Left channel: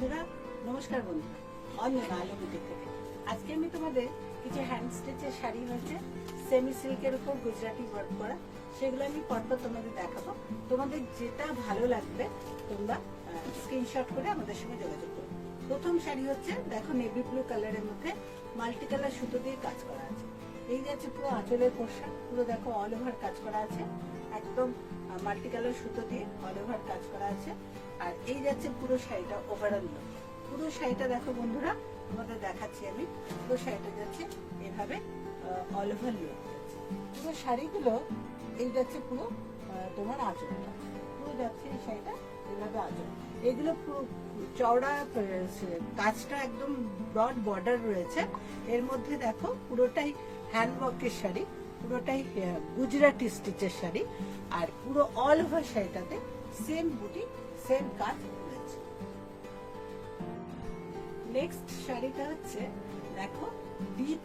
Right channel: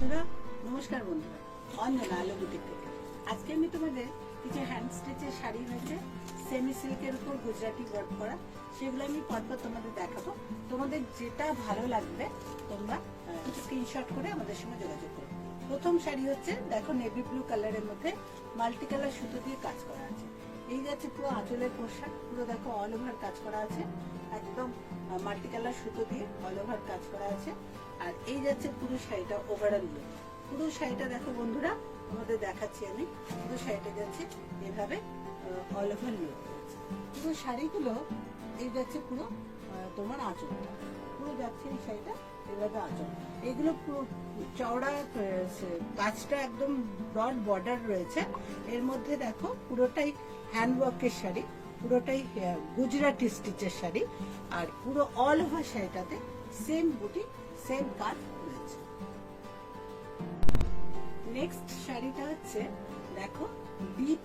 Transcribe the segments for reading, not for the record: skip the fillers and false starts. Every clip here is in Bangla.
বন্ধুরা, নমস্কার বন্ধুরা, অঞ্জনা আলো বুটিক থেকে। আজকে আমি তোমাদের কিছু হ্যান্ড স্টিচের শাড়ি আছে সেমি সিল্কের উপর গুজরাটি ওয়ার্ক করা, সেগুলো আমি পরপর তোমাদের দেখাবো। তোমাদের যেটা ভালো লাগবে তোমরা স্ক্রিনশট করে আমাদের সঙ্গে যোগাযোগ করো। প্রথম শাড়ি হচ্ছে দেখো নেভি ব্লু কালারের মধ্যে মাল্টি কালার সুতো দিয়ে কাজ করা আছে। এই যাচ্ছে পুরো আঁচলের পোশাক, পুরো দেখো অল ওভার কাজ করা আছে, একদম মাল্টি কালার সুতো দিয়ে অল ওভার কাজ করা আছে। আর এই যাচ্ছে পুরো শাড়িটা ওভারঅল লুক। পুরো শাড়িটা দেখো বন্ধুরা, তোমাদের দেখাচ্ছি আমি। পুরো শাড়িটা যাচ্ছে এভাবে অল ওভার লুক যাচ্ছে। পুরো শাড়িগুলো এই যাচ্ছে পুরো তোমার আঁচল, পুরো যাচ্ছে এই শাড়িটা এভাবে আঁচল। এগুলো পুরো চওড়া কাজটা একদম ব্রড বর্ডার রয়েছে। এর মধ্যে দেখো পুরোটাই হ্যান্ডওয়ার্কের শাড়ি, পুরোটাই গুজরাটি স্টিচের শাড়ি। আর পুরো অল ওভার শাড়িটাতে সেম বুটি সেম কাজ রয়েছে। নেক্সট শাড়িটা হচ্ছে দেখো ডিপ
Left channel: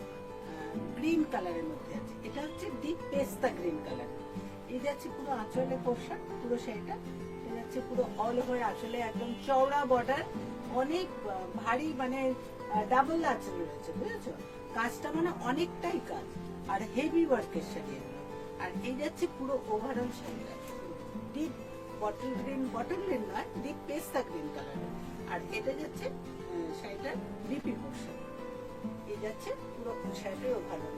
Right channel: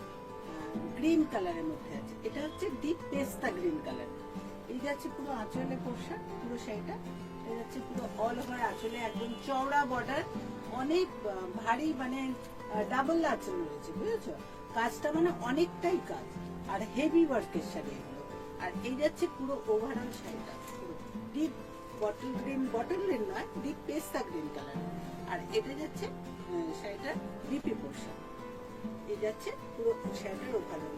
গ্রিন কালারের মধ্যে আছে। এটা হচ্ছে ডিপ পেস্তা গ্রিন কালার। এই যাচ্ছে পুরো আঁচলের পোশাক, পুরো শাড়িটা যাচ্ছে পুরো অল ওভার আঁচলে একদম চওড়া বর্ডার, অনেক ভারী মানে ডাবল আঁচল রয়েছে, বুঝেছো? কাজটা মানে অনেকটাই কাজ আর হেভি ওয়ার্কের শাড়ি এগুলো। আর এই যাচ্ছে পুরো ওভারঅল শাড়িটা ডিপ বটল গ্রিন নয়, ডিপ পেস্তা গ্রিন কালার। আর এটা যাচ্ছে শাড়িটার ডিপি পোর্শন। এই যাচ্ছে পুরো শাড়িটার ওভারঅল।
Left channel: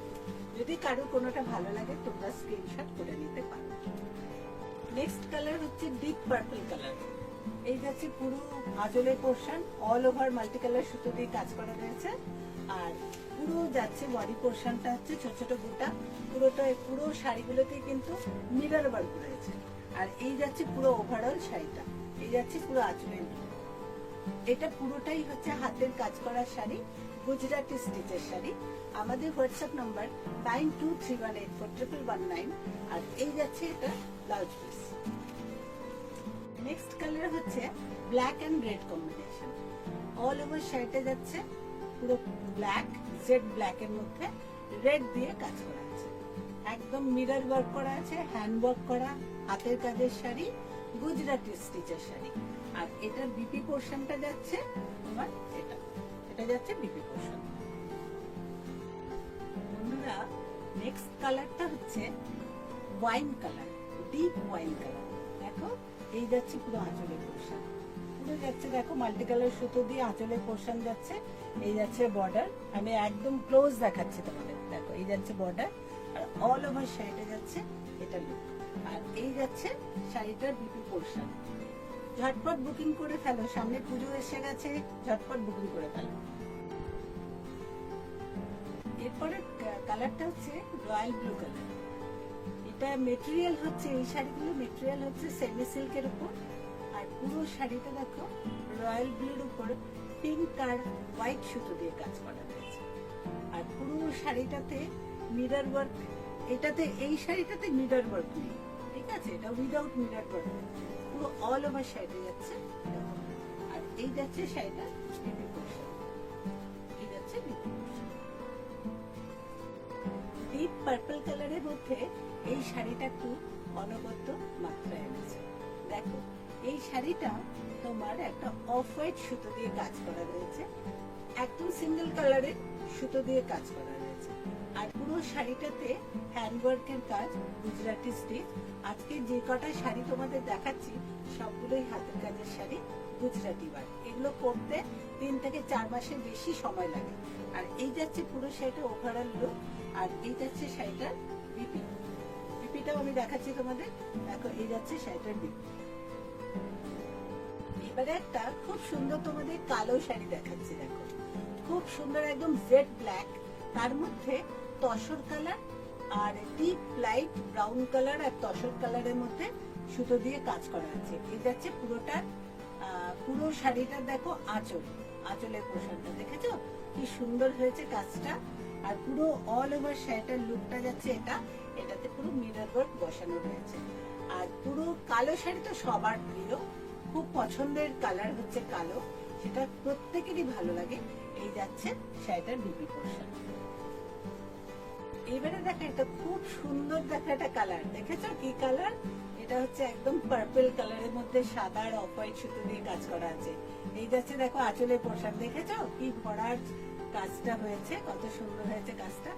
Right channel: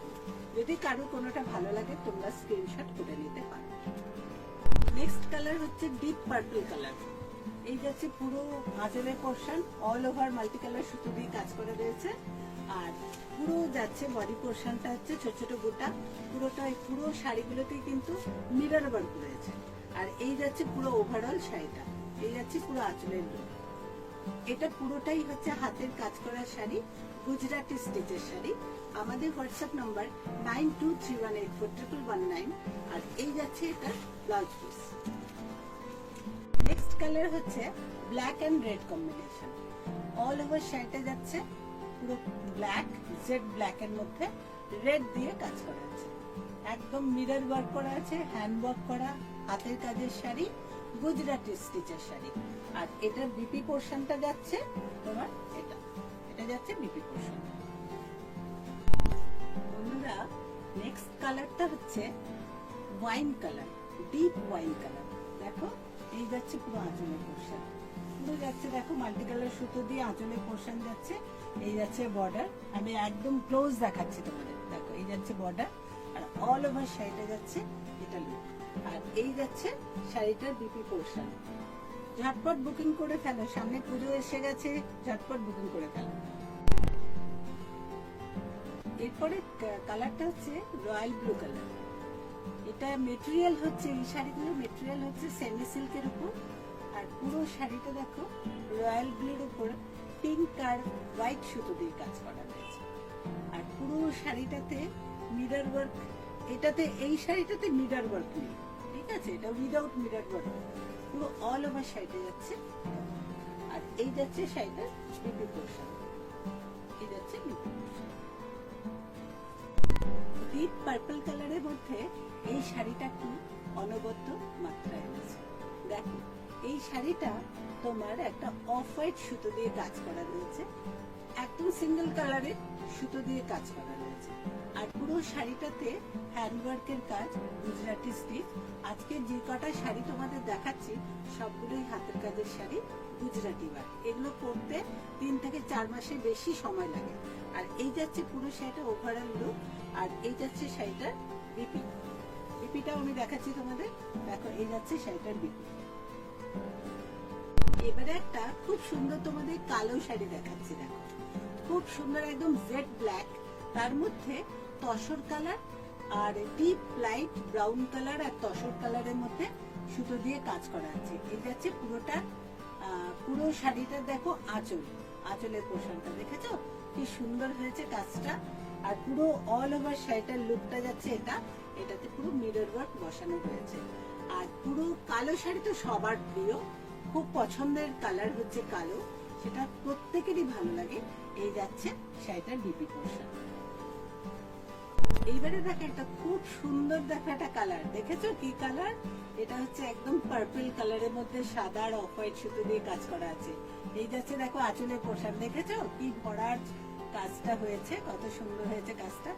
যদি কারো কোনোটা ভালো লাগে তোমরা স্ক্রিনশট করে নিতে পারো। নেক্সট কালার হচ্ছে ডিপ পার্পল কালার। এই যাচ্ছে পুরো আঁচলের portion, all over multi colour সুতো দিয়ে কাজ করা রয়েছে। আর পুরো যাচ্ছে বডি পোর্শনটা হচ্ছে ছোট ছোট বুটা, পুরো শাড়িগুলোতেই কিন্তু মিরর ওয়ার্ক রয়েছে। আর এই যাচ্ছে পুরো ওভারঅল শাড়িটা, এই যাচ্ছে পুরো আঁচলের লুক। এটা পুরোটাই হচ্ছে হাতের কাজ করা শাড়ি, গুজরাটি স্টিচের শাড়ি। আমাদের হোয়াটসঅ্যাপ নাম্বার 9231841119। আর এই যাচ্ছে এটা ব্লাউজ পিস। নেক্সট কালার হচ্ছে black and red combination. All over শাড়িটা যাচ্ছে পুরো ব্ল্যাক, জেড ব্ল্যাক এর মধ্যে রেড দিয়ে কাজ করা আছে। একদম মিরর ওয়ার্ক করা আছে, হ্যান্ড ওয়ার্ক করা হাতের কাজের শাড়ি, গুজরাটি স্টিচের শাড়ি। আর এটার বিপি পোর্শনটা যাচ্ছে তোমার এটা যাচ্ছে বিপি পোর্শন। বন্ধুরা, নেক্সট কালারটা হচ্ছে wine colour, deep wine colour. দেখো এই যাচ্ছে পুরো আঁচলের পোর্শন, পুরো যাচ্ছে দেখো মাল্টি কালার সুতো দিয়ে আঁচলের পোর্শন যাচ্ছে। এই যাচ্ছে বর্ডার, আমি একদম ক্লোজ দেখাচ্ছি তোমাদের। দেখো এই যাচ্ছে বর্ডার আর অল ওভার শাড়িটা যাচ্ছে এটা লুক। আর এই যাচ্ছে শাড়িটার বিপি পোর্শন। ঝটপট বুকিং করে ফেলো, সামনে পুজো এসে গেছে, ঝটপট বুকিং করে ফেলো। এরপরে কালারটা হচ্ছে রয়্যাল ব্লু কালার। এটা মেটেরিয়াল হচ্ছে, এই শাড়িগুলো মেটেরিয়াল হচ্ছে সেমি সিল্কের উপর। আর পুরো শাড়িটা দেখো রয়্যাল ব্লুর উপর পিঙ্ক আর হোয়াইট সুতো দিয়ে কাজ করা রয়েছে। আর পুরো শাড়িটাতে মিরর ওয়ার্ক, এই শাড়িটাতে মিরর ওয়ার্ক নেই, ঠিক আছে? এটা উইদাউট মিরর ওয়ার্ক, পুরো অল ওভার শাড়িটা যাচ্ছে। আর এই যাচ্ছে শাড়িটা বিপি পোর্শন, এই যাচ্ছে বিপি পোর্শন। ডিপ পার্পল কালারের মধ্যে এই শাড়িটা একটু অনবদ্য মাত্রায় এনেছে। দেখো এই শাড়িটা তোমার একটা অফ হোয়াইট সুতো দিয়ে কাজ করা রয়েছে, একদম সিঙ্গেল কালারের সুতো দিয়ে কাজ করা রয়েছে। আর পুরো শাড়িটাতে হ্যান্ডওয়ার্কের কাজ, গুজরাটি স্টিচ। আজকে যে কটা শাড়ি তোমাদের দেখাচ্ছি সবগুলোই হাতের কাজের শাড়ি, গুজরাটি ওয়ার্ক। এগুলো করতে 3 থেকে 4 মাসের বেশি সময় লাগে। আর এই যাচ্ছে পুরো শাড়িটা ওভারঅল লুক। আর এই যাচ্ছে শাড়িটার বিপি, বিপিটাও আমি দেখাচ্ছি তোমাদের। দেখো এই যাচ্ছে শাড়িটার বিপি। এবারে একটা খুব সুন্দর তোমাদের কালো শাড়ি দেখাচ্ছি। দেখো খুব সুন্দর, একদম জেড ব্ল্যাক, তার মধ্যে তসর কালার আর ডিপ লাইট ব্রাউন কালার আর তসর কালারের মধ্যে সুতো দিয়ে কাজ করা আছে। এই যাচ্ছে পুরোটা, পুরো শাড়িটার দেখো আঁচলের পোর্শনটা দেখেছো কি সুন্দর হয়েছে কাজটা। আর পুরো অল ওভার শাড়িটার লুকটা যাচ্ছে এটাতে পুরো মিরর ওয়ার্ক বসানো রয়েছে। আর পুরো কালো শাড়ি তো সবার প্রিয়, খুব পছন্দের কালার হচ্ছে কালো, সেটা প্রত্যেকেরই ভালো লাগে। এই যাচ্ছে শাড়িটার বিপি পোর্শন। এইবারে দেখো এটা খুব সুন্দর, দেখো এটা কালার দেখেছো কি কালার, এটা হচ্ছে একদম পার্পল কালারের মধ্যে সাদা আর অফ হোয়াইট সুতো দিয়ে কাজ করা আছে। এই যাচ্ছে দেখো আঁচলের পোশাক, দেখেছো কি ভরার কাজটা হয়েছে, কত সুন্দর হয়েছে কাজটা।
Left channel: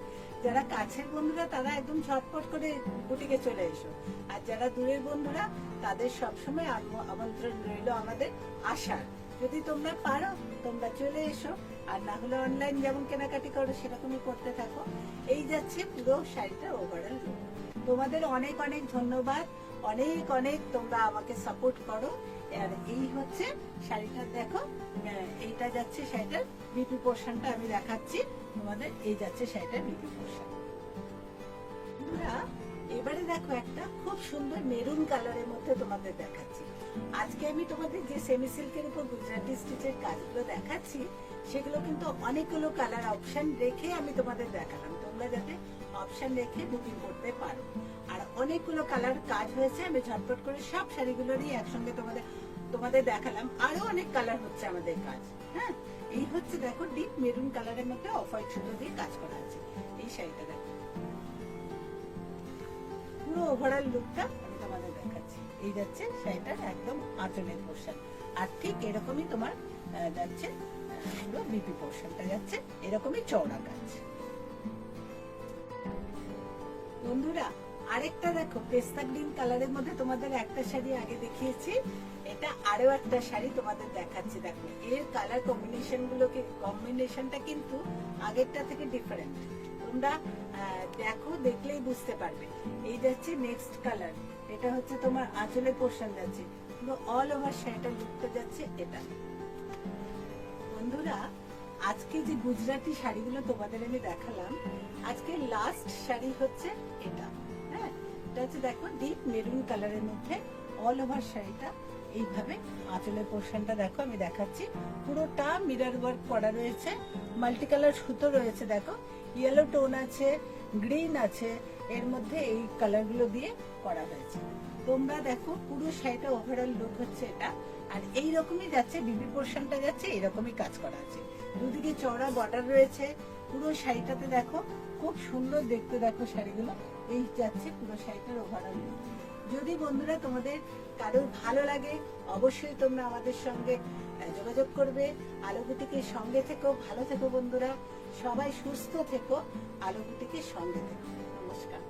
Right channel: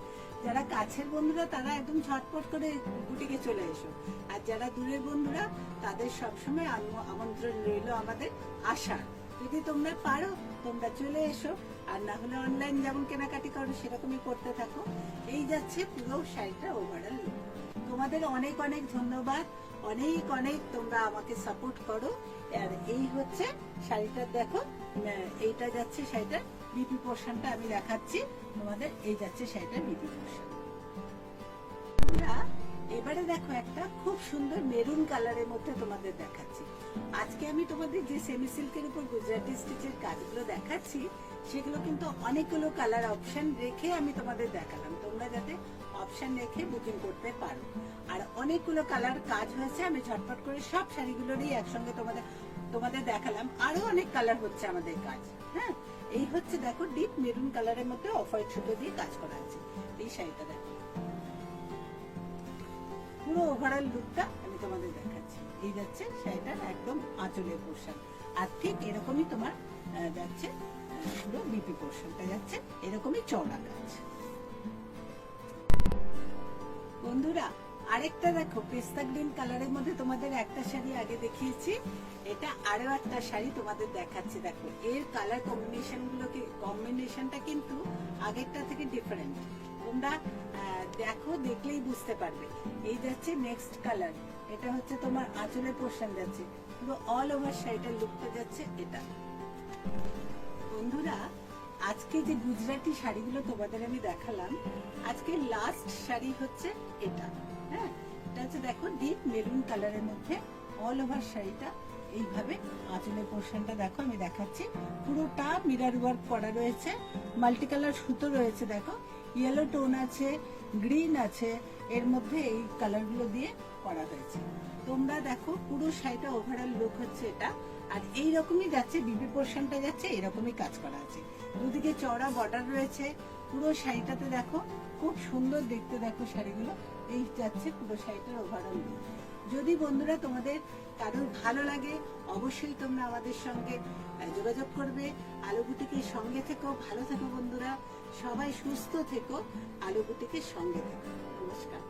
যারা কাছের বন্ধুরা তারা একদম ঝটপট করে বুটিকে চলে এসো, আর যারা দূরের বন্ধুরা তাদের সবসময় আমন্ত্রণ রইল আমাদের আসার। যদি তোমরা পারো তোমরা চলে এসো, আর না হলে অনলাইন যেমন কেনাকাটি করো সেরকমই করতে থাকো। এই যাচ্ছে পুরো শাড়িটা ওভারঅল লুক। তোমাদের অনেক অনেক ধন্যবাদ, অনেক অনেক তোমরা আমাকে সাপোর্ট করো। আর এই হচ্ছে শাড়িটা, দেখো এইটা যাচ্ছে শাড়িটার বিপি পোর্শনটা আমি দেখাচ্ছি তোমাদের। এই যাচ্ছে শাড়িটার বিপি পোর্শন। এবারে দেখো একটা খুব সুন্দর মেরুন কালারের মধ্যে তোমাদের দেখাচ্ছি। আজকে আমি তোমাদের যে সেমি সিল্কের উপর গুজরাটি স্টিচের কাজগুলো দেখাচ্ছি সেগুলো কিন্তু অনেকগুলো কালার অপশন রেখে আমি তোমাদের দেখালাম, তোমরা যাতে অপশন রেখে বুকিং করতে পারো। আর অনেকগুলো কালার কাজ হয়েছে, আমি ঝটপট করে সব শাড়িগুলোরই একসঙ্গে তোমাদের দেখালাম। আরো অনেক কালার হচ্ছে আমাদের কাজ। হ্যাঁ, এই হচ্ছে দেখো ডিপ মেরুন কালারের মধ্যে অফ হোয়াইট সুতো দিয়ে কাজ করা আছে। এই শাড়িটা দেখো পুরো ওভারঅল লুকটা আমি তোমাদের দেখাচ্ছি। এই যাচ্ছে শাড়িটার একদম আঁচলের পোর্শন, আর ঠিক এরকমই তোমার যাচ্ছে পুরো বিপি পোর্শনটা যাচ্ছে এরকমই চওড়া কাজ। বন্ধুরা আরেকটা দেখো পেস্তা গ্রিন কালারের মধ্যে তোমাদের একটা শাড়ি আগে দেখিয়েছি, এটা আরো একটা শাড়ি তোমাদের দেখাচ্ছি। দেখো এর কালার কম্বিনেশনটা কিন্তু আগেরটা থেকে ডিফারেন্ট, তোমরা দেখো দেখলেই বুঝতে পারবে। এই যাচ্ছে নেক্সট কালার, এটা হচ্ছে তোমার আঁচলের পোর্শন যাচ্ছে পুরো অল ওভার শাড়িটার লুকটা যাচ্ছে এটা। বন্ধুরা আজকে যে গুজরাটি শাড়িগুলো তোমাদের আমি দেখালাম, আজকে লাস্ট শাড়ি হচ্ছে এটা। হ্যাঁ, এটা হচ্ছে দেখো ডিপ মেরুন কালারের মধ্যে অল ওভার শাড়িটা এইভাবে আঁচলের পোর্শনটা দেখো আমি দেখাচ্ছি। পুরোটা মিরর ওয়ার্ক করা রয়েছে, মাল্টি কালার সুতো রয়েছে, দেখো ইয়েলো টোন আছে, গ্রিন আছে, এর মধ্যে এই কালারগুলো দিয়ে করা হয়েছে। তোমরা দেখো পুরো শাড়িটা ওভারঅল লুক হচ্ছে এটা। আর এই রকমই যাচ্ছে বিবি পোর্শনটা যাচ্ছে এরকমই কাজ করা আছে, দুদিকে চওড়া বর্ডার রয়েছে। পুরো শাড়িটাতে দেখো খুব সুন্দর দেখতে, দেখো শাড়িগুলো এই যাচ্ছে পুরো শাড়িটার ওভারঅল লুক। যদি বন্ধুরা তোমাদের কারো ভালো লাগে অবশ্যই তোমরা আমাদের সঙ্গে যোগাযোগ করবে। আলো বুটিকের সঙ্গে থেকো, ভালো থেকো বন্ধুরা, সবাই সুস্থ থেকো, আলো বুটিকের সঙ্গে থেকো। নমস্কার।